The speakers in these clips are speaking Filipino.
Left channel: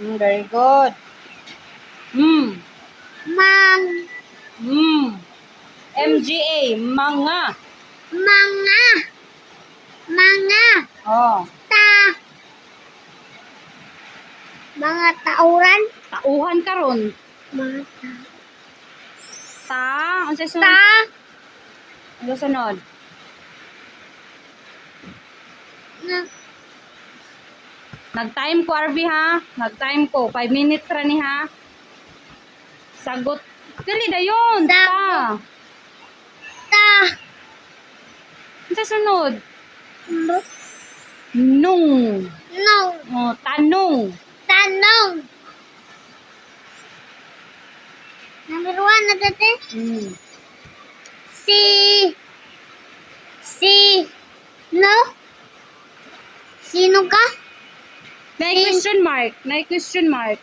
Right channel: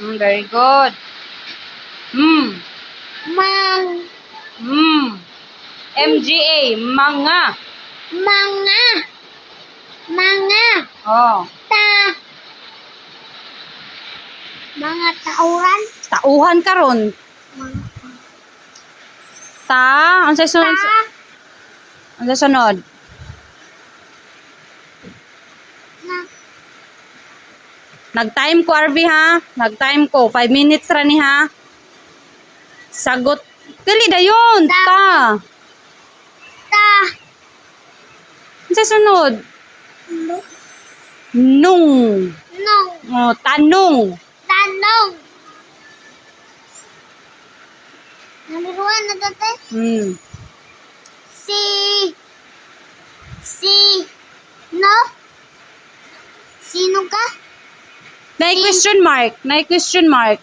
Mm, very good. Mm. Mang. Mm. MGA, mga. Mga. Mga. Oh. Ta. Mga tauran. Tauhan karon. Mga ta. Ta, ang sa sunod? Ta. Ang sa sunod? Na. Nag-time ko, RV, ha? Nag-time ko. 5 minutes ra ni, ha? Sagot. Dili na yun. Ta. Ta. Sa sunod? No. Nung. Nong. Oh, tanong. Tanong. Namiruan na dati. Mm. Si. Si. No? Sino ka? Nay question mark. Nay question mark.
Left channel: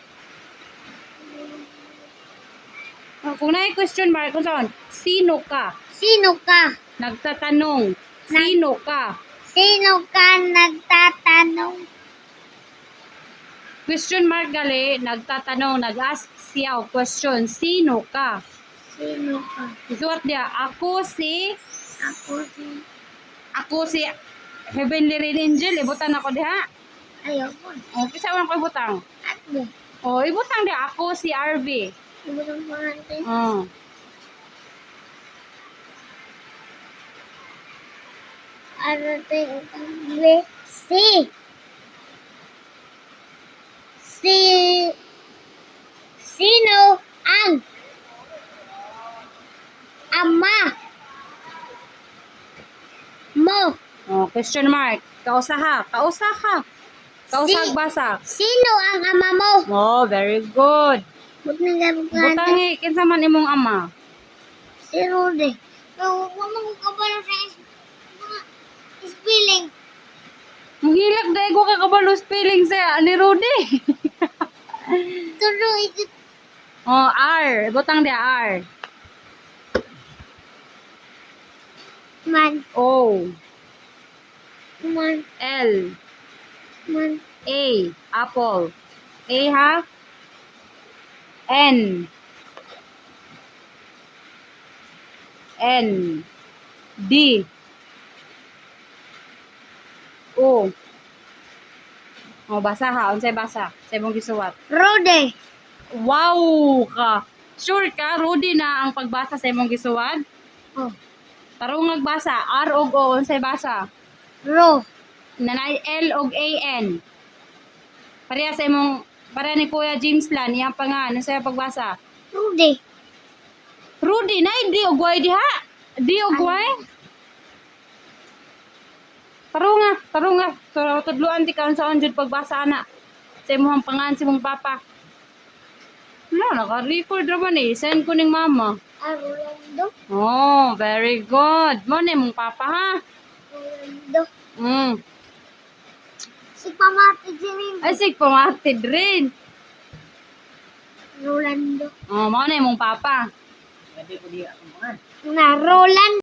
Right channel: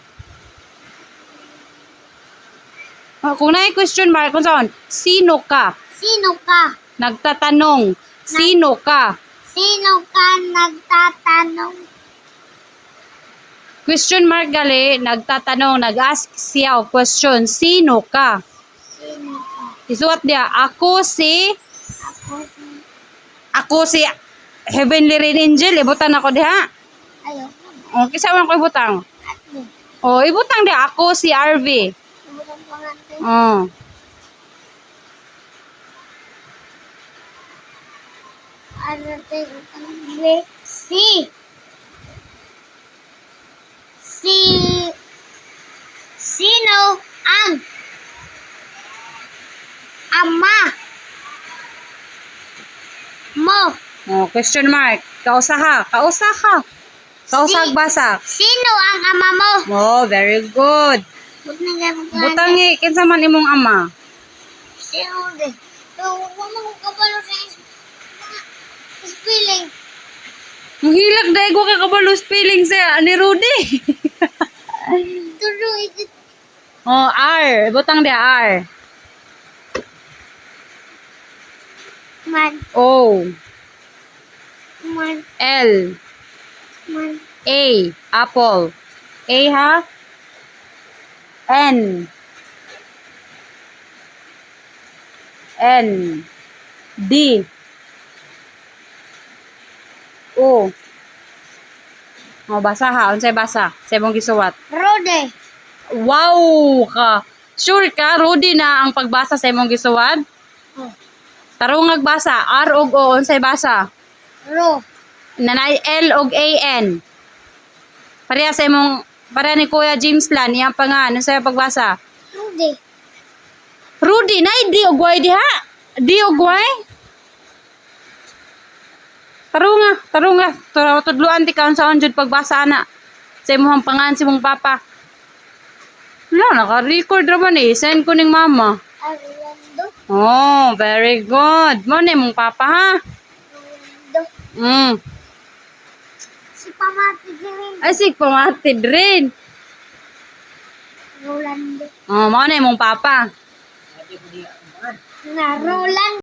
Oh, kung nay question mark, kung saan? Sino ka? Sino ka? Nagtatanong. Sino ka? Sino ka nagtatanong? Question mark gali, nagtatanong, nag-ask siya o question. Sino ka? Sino ka? Isuot dia, ako si, Ako si... ako si Heavenly Rain Angel. Ibutan ako diha. Ayoko. O, kisa man ko ibutang. At mo. O, ibutang dia, ako si RV. Ibutang pangantin. O. Ano tayo utang? Si. Si. Sino ang ama mo? O, question mark. Kausa ka. Basa. Sino ang ama mo? Oh, very good. Ka? Butangi, kinsa man imong ama. Si Rudy. So, mo ko kabalo sa spelling. Ang hilag dahil ko ka kabalo spelling sa ni Rudy. Tulo ikot. oh, R. Butang dia R. Man. O. Man. L. Man. A. Apple. A ha? N. N. D. O. Oh, basa ha. Unsay basa? Sa imong gisuwat. Rudy. Wow ka. Sure ka, Rudy na ang pagbasa sa imong gisuwat? Oh. Tarungag basa. R ug O. Unsay basa? Ro. Nanay L ug A N. Pareha sa imong pareha ni Kuya James Lan, iyang pa nga, ano sa'yo pagbasa? Rudy. Rudy, nay, di ugway diha. Di ugway. Tarunga, tarunga. Turo tudluan ti kaon sa jud pagbasa ana. Sa imong pangan si mong papa. Wala, naka-record naman eh. Send ko ning mama. Arulando. Oh, very good. Mo ni mong papa ha. Arulando. Mm. Si Pamati Jimin. Ay, sig pamatid rin. Rolando. Oh, mo ni mong papa. Na Rolando.